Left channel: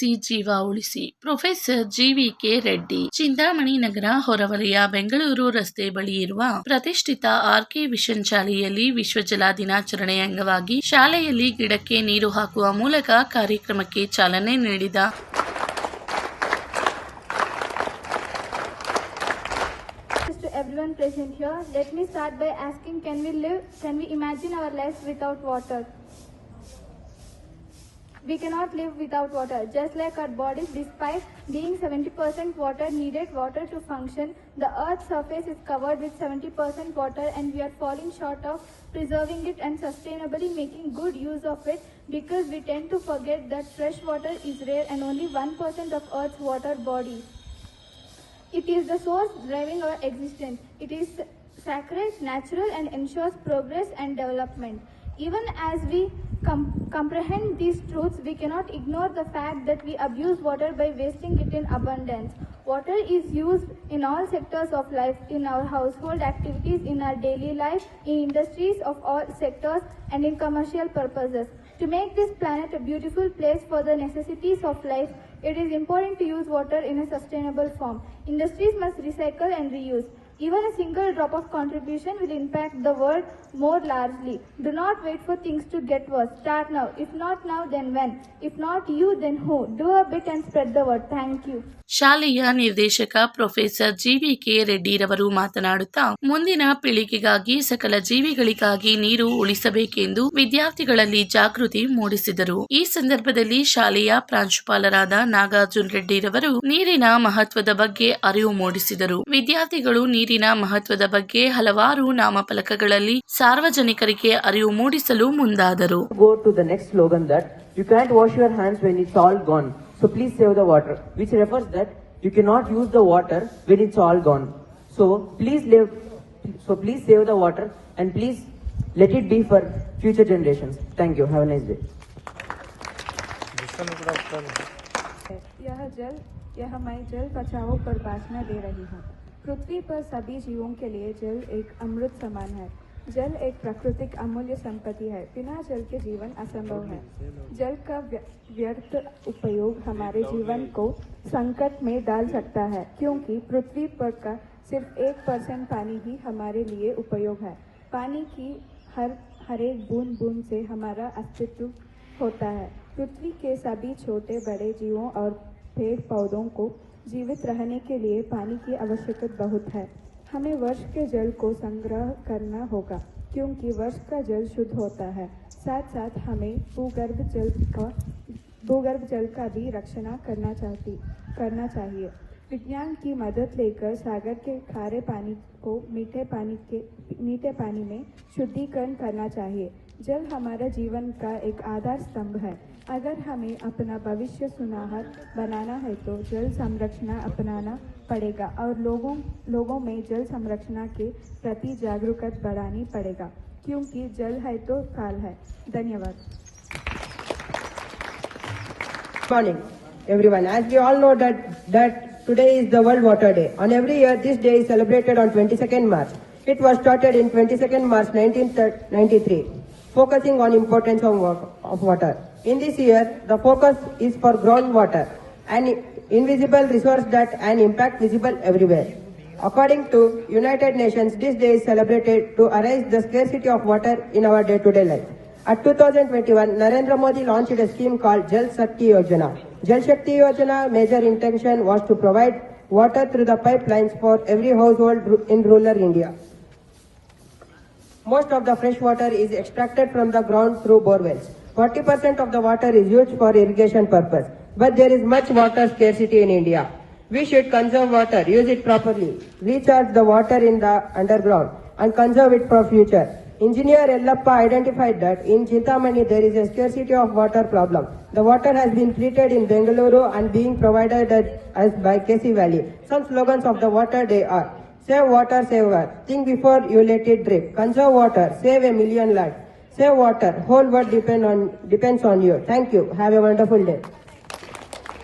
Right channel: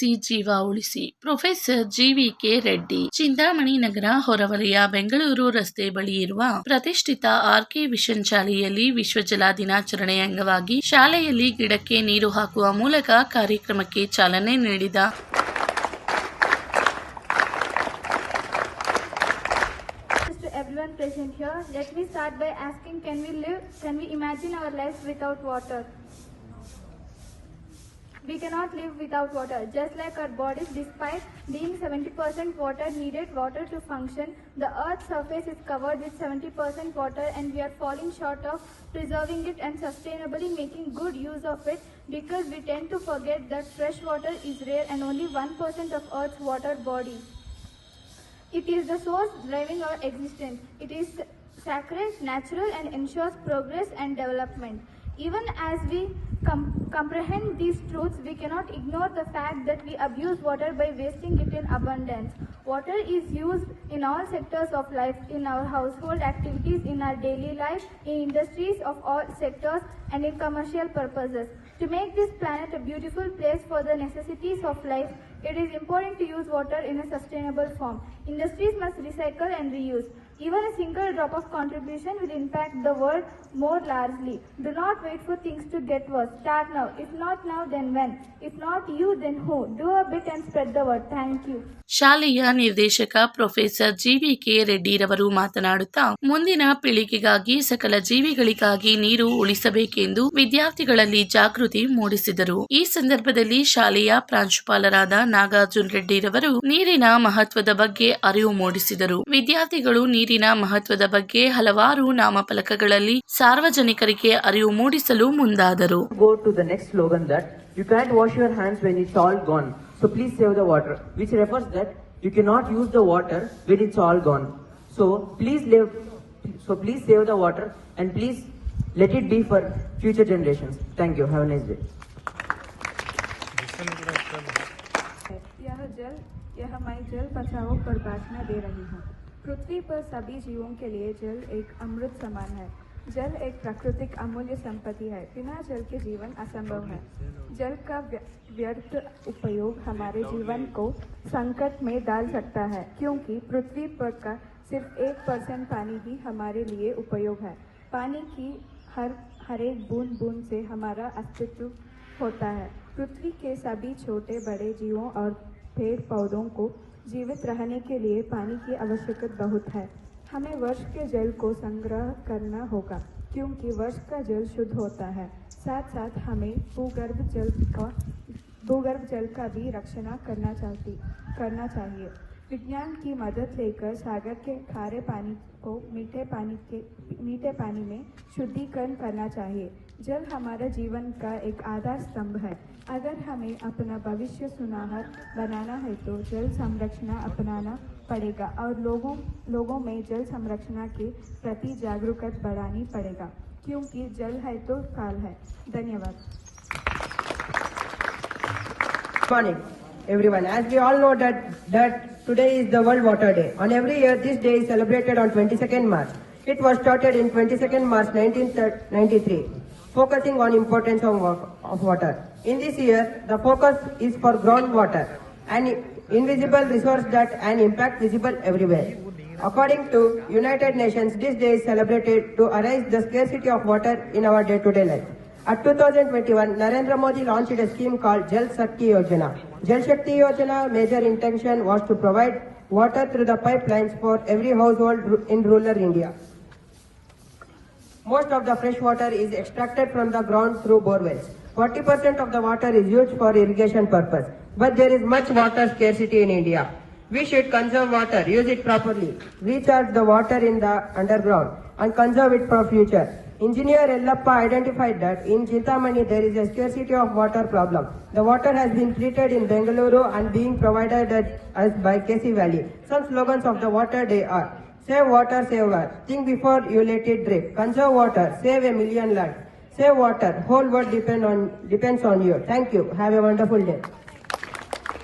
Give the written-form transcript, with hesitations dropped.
ಬೆಳೆಸಿ ಜೀವ ಉಳಿಸಿ. ಪ್ರೊಫೆಸರ್ ಜಿವಿಕೆ ರೆಡ್ಡಿ, ಚಿಂತಾಮಣಿ ನಗರ ಹೊರವಲಯ, ಬೆಂಗಳೂರು ರಸ್ತೆ ಬಳಿ ಇರುವ ಪ್ರತಿಷ್ಠಿತ ಆರ್ಕೆ ವಿಷನ್ ಶಾಲೆಯಲ್ಲಿ ವಿಶ್ವ ಜಲ ದಿನಾಚರಣೆ ಅಂಗವಾಗಿ ಶಾಲೆಯಲ್ಲಿ ಗಿಡಕ್ಕೆ ನೀರು ಹಾಕುವ ಮೂಲಕ ಕಾರ್ಯಕ್ರಮಕ್ಕೆ ಚಾಲನೆ ನೀಡಿದ Everyone present here, let me start by asking, can we imagine our lives without water? We cannot live without water. Just like our bodies, despite being 70% water needed water to function, the earth's surface is covered with 70% water, and we are falling short of preserving it and sustainably making good use of it, because we tend to forget that fresh water is rare and only 1% of earth's water body. It is the source driving our existence. It is sacred, natural, and ensures progress and development. Even as we comprehend these truths, we cannot ignore the fact that we abuse water by wasting it in abundance. Water is used in all sectors of life, in our household activities, in our daily life, in industries of all sectors, and in commercial purposes. To make this planet a beautiful place for the necessities of life, it is important to use water in a sustainable form. Industries must recycle and reuse. Even a single drop of contribution will impact the world more largely. Do not wait for things to get worse. Start now. If not now, then when? If not you, then who? Do a bit and spread the word. Thank you. ಶಾಲೆಯ ನಿರ್ದೇಶಕ professor GVK ರೆಡ್ಡಿರವರು ಮಾತನಾಡುತ್ತಾ, ಮುಂದಿನ ಪೀಳಿಗೆಗಾಗಿ ಸಕಲ ಜೀವಿಗಳಿಗಾಗಿ ನೀರು ಉಳಿಸಬೇಕೆಂದು ವಿದ್ಯಾರ್ಥಿಗಳಲ್ಲಿ ಜಾಗೃತಿ ಮೂಡಿಸಿದರು. ಈ ಸಂದರ್ಭದಲ್ಲಿ ಶಾಲೆಯ ಪ್ರಾಂಶುಪಾಲರಾದ ನಾಗಾರ್ಜುನ್ ರೆಡ್ಡಿರವರು ನೀರಿನ ಮಹತ್ವದ ಬಗ್ಗೆ ಅರಿವು ಮೂಡಿಸಿದರು. ವಿದ್ಯಾರ್ಥಿಗಳು ನೀರಿನ ಮಹತ್ವದ ಬಗ್ಗೆ ಹಲವಾರು ನಾಮಫಲಕಗಳಲ್ಲಿ ಸಾರ್ವಜನಿಕರಿಗೆ ಅರಿವು ಮೂಡಿಸಲು ಮುಂದಾದರು. Go to the next slogan that you can't wash your hands when it's all gone, so please save the water, which refers that you cannot use the water when it's all gone. So please save the water and please let it be for future generations. Thank you. Have a nice day. यह मैं जल बचाओ पर भाषण दे रही हूँ। पृथ्वी पर सभी जीवों के लिए जल एक अमृत समान है। जल एक प्राकृतिक अमूल्य संपत्ति है। बिना जल के जीवन असंभव है। जल का व्यर्थ उपयोग हमारे जीवन को संकट में डाल सकता है, क्योंकि पृथ्वी पर का सिर्फ 1% पानी ही हमारे लिए उपयोग है। पानी की हर एक बूंद बूंद से हमारा अस्तित्व होता है। पृथ्वी के सभी छोटे बड़े जीवों और पेड़ पौधों को जीवित रहने के लिए पानी की आवश्यकता बहुत है। हमें वर्ष के जल को संग्रह करना होगा, क्योंकि वर्ष का जल शुद्ध होता है। साथ साथ हमें भूगर्भ जल का भी रक्षण करना चाहिए। विज्ञान की मदद लेकर सागर के खारे पानी को मीठे पानी में शुद्धिकरण करना चाहिए। जल हमारा जीवन का एक आधार स्तंभ है। अगर हमें अपना भविष्य सुनहरा बनाना है तो जल संरक्षण अपनाना पड़ेगा और लोगों में जल संरक्षण के प्रति जागरूकता बढ़ानी पड़ेगा, क्योंकि जल है तो काल है। धन्यवाद। Good morning, everyone. As we all know that today is the World Water Day. On every year, this day is celebrated on 22nd March. It was started in 22nd March 1993, focusing on importance of water. In this year, the focus is for groundwater, an invisible resource that an impact visible everywhere. According to United Nations, this day is celebrated to address the scarcity of water in our day-to-day life. At 2021, Narendra Modi launched a scheme called Jal Shakti Yojana. Jal Shakti Yojana major intention was to provide water through the pipelines for every household in rural India. Most of the fresh water is extracted from the ground through borewells. 40% of the water is used for irrigation purpose. But there is much water scarcity in India. We should conserve water, use it properly, recharge the water in the underground, and conserve it for future. Engineer Yellappa identified that in Chintamani there is a scarcity of water problem. The water has been treated in Bengaluru and being provided as by KC Valley. Some slogans of the Water Day are: save water, save earth. Think before you let it drip. Conserve water, save a million lives. Save water, whole world depends on you. Thank you. Have a wonderful day.